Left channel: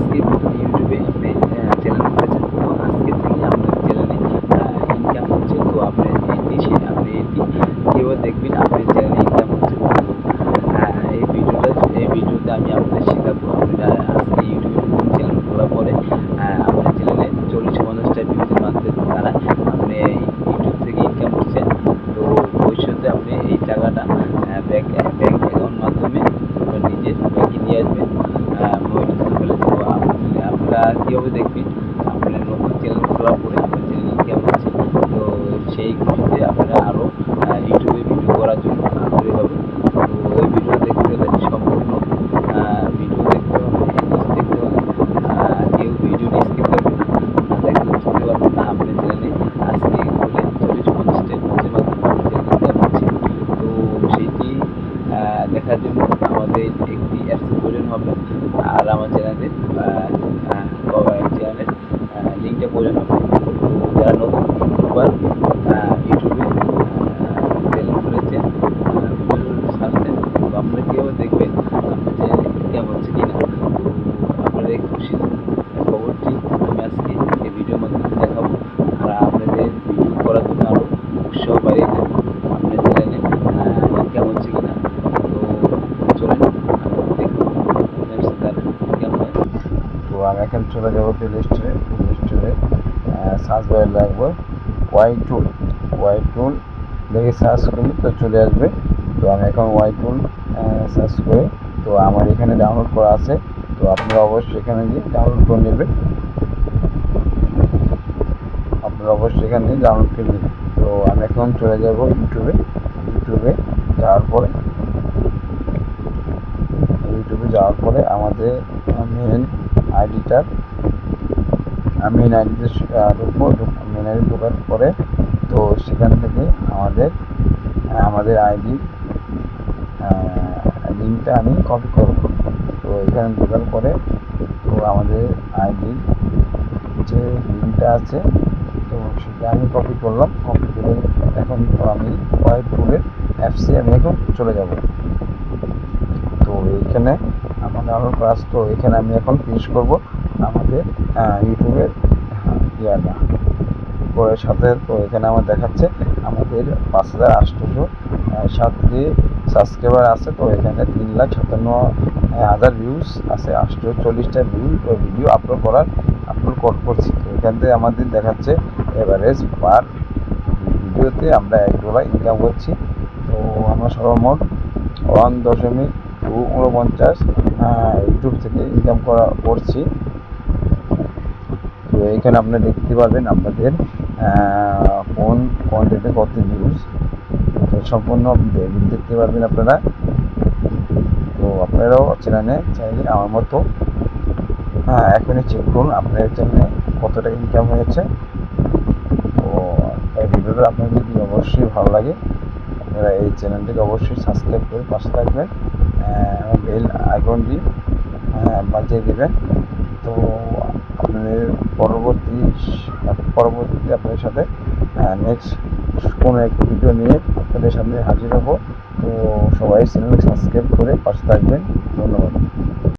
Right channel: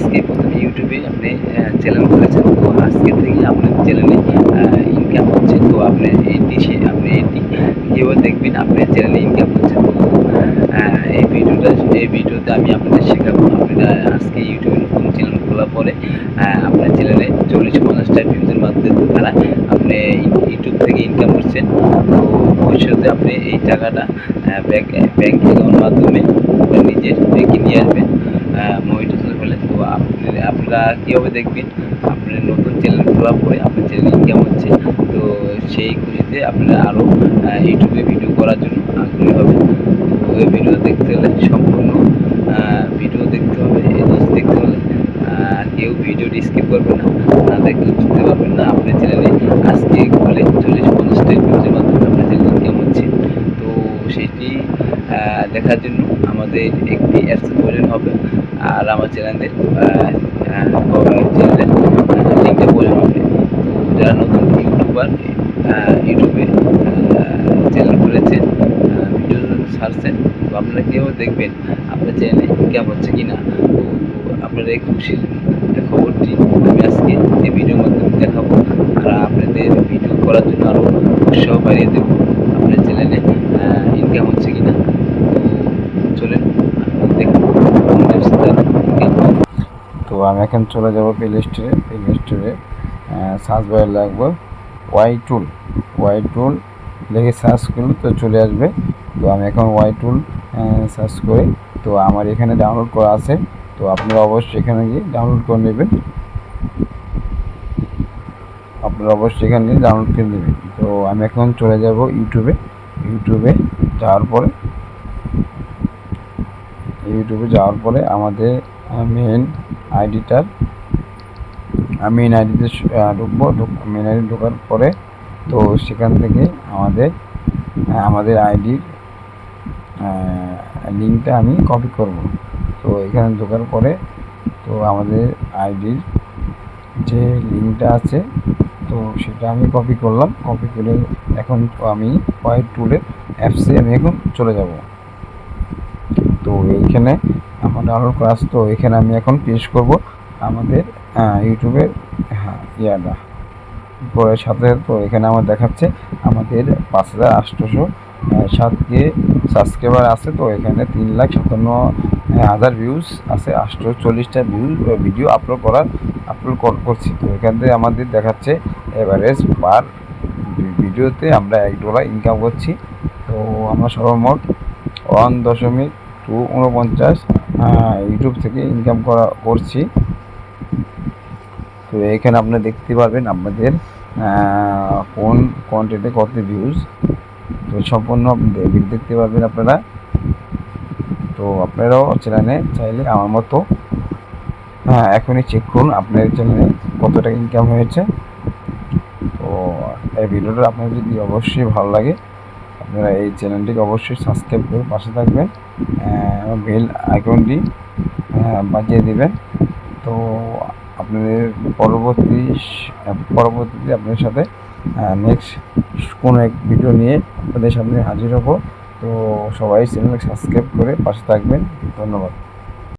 আজকে প্রথমে ইউটিউবে আপনি চ্যানেল খুলেছেন, তো আজকে থেকে আপনার চ্যানেলে ইনকাম হচ্ছে। তো আপনি এটি কীভাবে দেখবেন আপনার চ্যানেলে ইনকাম হচ্ছে। তো এই ভিডিওতে আমি আপনাদের শেখাবো। আপনারা আজকে ইউটিউবে নতুন চ্যানেল খোলার পরে আপনার চ্যানেলে 40-50টা ভিউজের মাধ্যমে দ্বারা আপনি ইউটিউব থেকে ইনকাম করছেন। তো ভবিষ্যতে আপনি এই টাকাটা ব্যাংক অ্যাকাউন্ট মাধ্যমে আপনার নিজের ব্যাংকে নিয়ে আসবেন মনিটাইজেশন হলে। তো আপনারা কীভাবে দেখবেন আপনার নতুন চ্যানেল খোলার পরে আপনার চ্যানেল ইনকাম হচ্ছে। তো সেই খুশিতে আপনারা আরও ইউটিউবে ভিডিও করার জন্য আগ্রহী হবেন। তো এই ভিডিও দেখতে হলে সম্পূর্ণ ভিডিও দেখতে হবে। এই জিনিস দেখতে হলে কেউ ভিডিওটি স্কিপ করবে না, না দেখলে বুঝতে পারবেন না আপনার চ্যানেলে আজকে খুলে 40-50টা ভিউজের মাধ্যমে আপনার চ্যানেল ইনকাম হচ্ছে। তো সেইটি দেখার জন্য আমাদের একটি অ্যাপসের প্রয়োজন হবে, আর আমার চ্যানেলের লিঙ্কটা প্রয়োজন হবে। তো যারা নতুন ইউটিউবার ইউটিউবে চ্যানেল খুলেছেন, ভিডিও ছাড়ছেন, তো আপনারা কীভাবে দেখবেন আপনার চ্যানেলে ইনকাম হচ্ছে কি না। তো আপনারা এই খুশির খবরটি আমি আজকে এই ভিডিওর মাধ্যমে দেখাবো, আর আপনাদের ভিডিও করার জন্য আরও উৎসাহ বাড়িয়ে দেবো আপনার চ্যানেলে ইনকাম হচ্ছে কি না। তো চলেন দেখাবো কোন অ্যাপস দ্বারা ইনকাম হয়। তো আমি এখন চলে যাব প্লে স্টোরে সার্চ বারে লাগবো ওয়াই টুল লিখে সার্চ করলে তো চলে আসবে। তো আমি এখন ওয়াই টুল সার্চ করে, তো আমার এখানে ডাউনলোড করা আছে। তো আপনারা অবশ্যই এখানে গিয়ে ডাউনলোড করে নেবেন। তো আমি এখন চলে যাব ইউটিউবে যাওয়ার পরে আমাদের মেন আইডিতে ঢুকবো। মেন আইডি ঢোকার পরে তো সেখান থেকে আমাদের আইডির লিঙ্কটা আমি কপি করব। তো এখানে ঢোকার পরে তো আমাদের আইডির যে লিঙ্কটা আছে তো সেটা আমি কপি করলাম। কপি করে এখন আমি ওয়াই টুলের অ্যাপসে আমি এখন চলে যাব। তো এইখানে আমার ডাউনলোড করা আছে। তো এখানে আমি এখন পেস্ট করব আমাদের ইউটিউবের ইয়াটা পরে সাথে। তো এখানে আমার দেখাচ্ছে আমাদের 5807 সাবস্ক্রাইবার আছে। তো এখানে 3,57,000 ভিউজ আছে, 840টা ভিডিও আপলোড করছি। তো এখান থেকে আমাদের দেখাচ্ছে এভারেজ পার ভিডিওতে আমরা $1 ইনকাম করছি। তো আমরা সর্বমোট 1.249 ইউটিউব থেকে ইনকাম করছি। তো এখানে আপনারা দেখতে পারবেন আমাদের কোন কন্টেন্টে কত ভিউজ, তো সম্পূর্ণ দেখতে পারবেন আপনারা। তো আপনারাও চ্যানেলে চাইলে আমার মতো এখনই চেক করুন আপনার চ্যানেলে কত টাকা ইনকাম হয়েছে। তো এই ভিডিওটা আপনার যদি অবশ্যই ভালো লাগে, আপনারা এই চ্যানেলটিকে অবশ্যই সাবস্ক্রাইব করে পাশে থাকবেন, বেল আইকনটি বাজিয়ে দেবেন। তো আপনাদের পরবর্তীতে আপনাদের সাথে নেক্সট কোনো এক ভিডিও নিয়ে আপনাদের সামনে হাজির হব। তো সবাই চ্যানেলকে সাবস্ক্রাইব করে পাশে থাকবেন। ধন্যবাদ।